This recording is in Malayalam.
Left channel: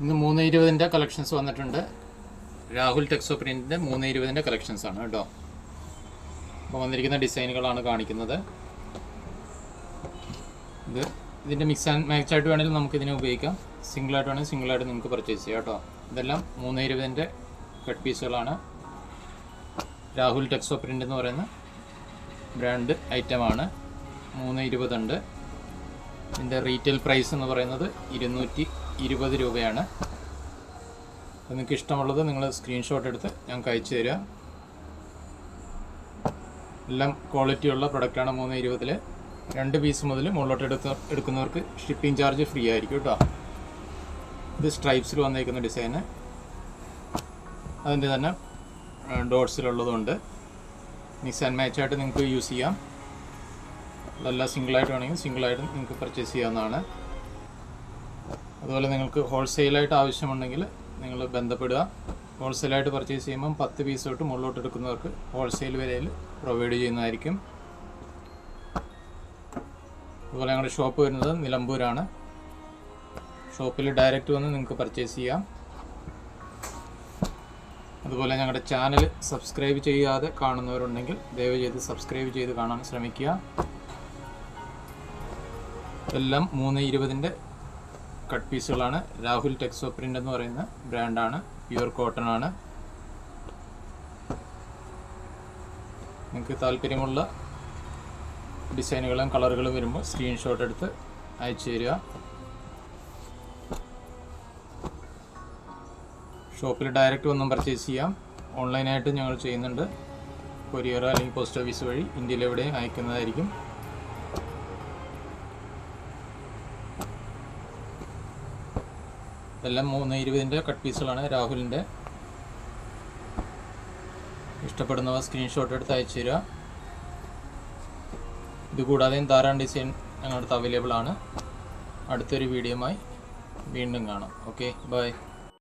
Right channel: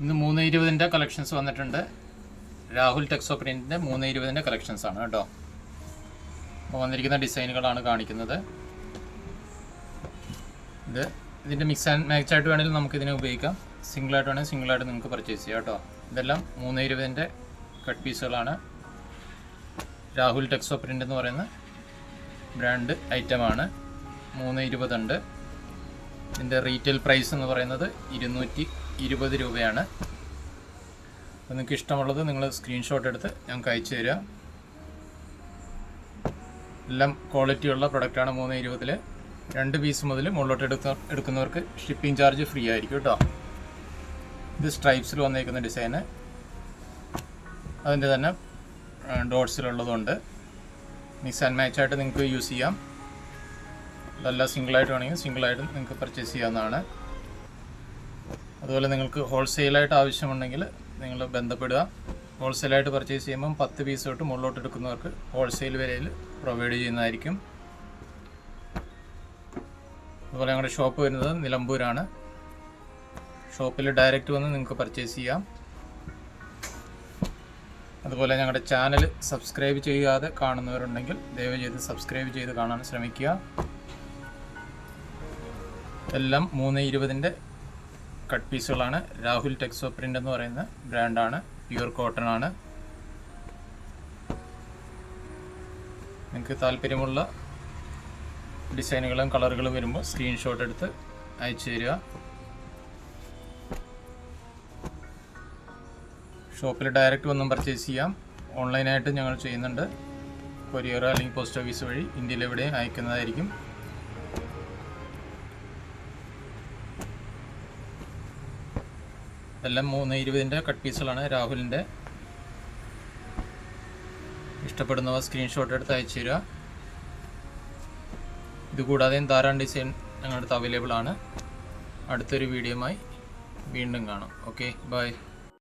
ഇന്ന് 320-ൻ്റെ കളക്ഷൻസ് വന്നിട്ടുണ്ട്. രാഹുൽ ടെക്സോ പ്രിൻറ്റിൻ്റെ 320-ൻ്റെ കളക്ഷൻസ് ആണ് കേട്ടോ. അപ്പോൾ വന്നിരിക്കുന്ന ഡിസൈനുകളാണ് കാണിക്കുന്നത്. ഇതിൻ്റെ മിക്സ് ആൻഡ് മാച്ച് ആയിട്ട് വേണമെങ്കിൽ നമുക്കിതിനെ ഉപയോഗിക്കാം. സിംഗിളായിട്ട് വേണമെങ്കിൽ സിംഗിളായിട്ട് നിങ്ങൾക്ക് പർച്ചേസ് ചെയ്യാം കേട്ടോ. ഇതെല്ലാം 320-ൻ്റെ കട്ട് പീസുകളാണ്. രാഹുൽ ടെക്സോ പ്രിൻ്റ് എന്ന് പറയുന്ന ബ്രാൻഡ് ഐറ്റമാണ്. 320 ഉണ്ട്. ഇതിൻ്റെ റീറ്റെയിൽ പ്രൈസ് എന്ന് പറയുന്നത് 220 രൂപയാണ്. അപ്പോൾ നിങ്ങൾക്ക് ഇഷ്ടമുള്ളത് നിങ്ങൾ സ്ക്രീൻഷോട്ട് എടുത്ത് ഞങ്ങൾക്ക് അയച്ചു തരിക. എല്ലാം ക്വാളിറ്റിയുള്ള പ്രൊഡക്റ്റാണ്. 320-ൽ 2 പീസ് മുതൽ മുകളിലോട്ട് എടുക്കുന്നവർക്ക് ഷിപ്പിംഗ് ചാർജ് ഫ്രീ ആയിരിക്കും കേട്ടോ. ഇത് സ്ട്രൈപ്സിൽ വന്നേക്കുന്ന ഡിസൈന്, അതിൻ്റെ തന്നെ ഡോട്ട്സിലുള്ളതുണ്ട്. മിക്സ് ആൻഡ് മാച്ച് ആയിട്ട് നിങ്ങൾക്ക് യൂസ് ചെയ്യാം. അതല്ല സിംഗിളായിട്ട് വേണമെങ്കിൽ സിംഗിളായിട്ട് നിങ്ങൾക്ക് പർച്ചേസ് ചെയ്യാവുന്നതാണ്. അതുപോലെ നിങ്ങൾക്ക് ഹോൾസെയിലായിട്ട് ആവശ്യമുണ്ടെങ്കിൽ നിങ്ങൾ ബന്ധപ്പെടുക. ഹോൾസെയിലായിട്ട് പർച്ചേസ് ചെയ്യുമ്പം 10 പീസ് തൊട്ട് മുകളിലോട്ട് എടുക്കുന്നവർക്ക് ഹോൾസെയിൽ വിലയിൽ പ്രൊവൈഡ് ചെയ്യുന്നതായിരിക്കും. അതുപോലെ ഞങ്ങളുടെ ഷോപ്പ് വരുന്നത് നിലമ്പൂരാണ്. ഷോപ്പിൽ ഡയറക്റ്റ് വന്ന് നിങ്ങൾക്ക് പർച്ചേസ് ചെയ്യാം. അതുപോലെ ഞങ്ങളുടെ ചാനൽ സബ്സ്ക്രൈബ് ചെയ്യാതെ കാണുന്നവരുണ്ടെങ്കിൽ ദയവ് ചെയ്ത് സബ്സ്ക്രൈബ് ചെയ്ത് കാണാൻ ശ്രമിക്കുക. എല്ലാം 320-ൻ്റെ കട്ട് പീസുകളാണ്. രാഹുൽ ടെക്സോ പ്രിൻ്റ് എന്ന് പറയുന്ന ബ്രാൻഡാണ്. പ്യുവർ കോട്ടൺ ആണ്. നിങ്ങൾക്ക് താല്പര്യമുള്ള ഡിസൈനുകളും കളറുകളും വരുമ്പോൾ സ്ക്രീൻഷോട്ട് എടുത്ത് അയച്ചു തരിക. ഷോപ്പിൽ ഡയറക്റ്റ് ഒന്നും പർച്ചേസ് ചെയ്യാം. ഓൺലൈനായിട്ട് ഞങ്ങൾ ചെയ്യുന്നുണ്ട്. കൊറിയർ അല്ലെങ്കിൽ പോസ്റ്റ് ഓഫീസ് വഴി ഇന്ത്യയിൽ എവിടെയും അയക്കുന്നതായിരിക്കും. എല്ലാം 320-ൻ്റെ കട്ട് പീസുകളാണ്. രാഹുലിൻ്റെ ഇഷ്ടപ്പെടുന്നവ സ്ക്രീൻഷോട്ട് എടുത്ത് അയച്ചു തരിക. ഇതുകൂടാതെയും ധാരാളം ഡിസൈൻ ഞങ്ങളുടെ അടുത്ത് അവൈലബിൾ ആണ്. അടുത്തൊരു വീഡിയോയുമായി വീണ്ടും കാണാം. Okay, by.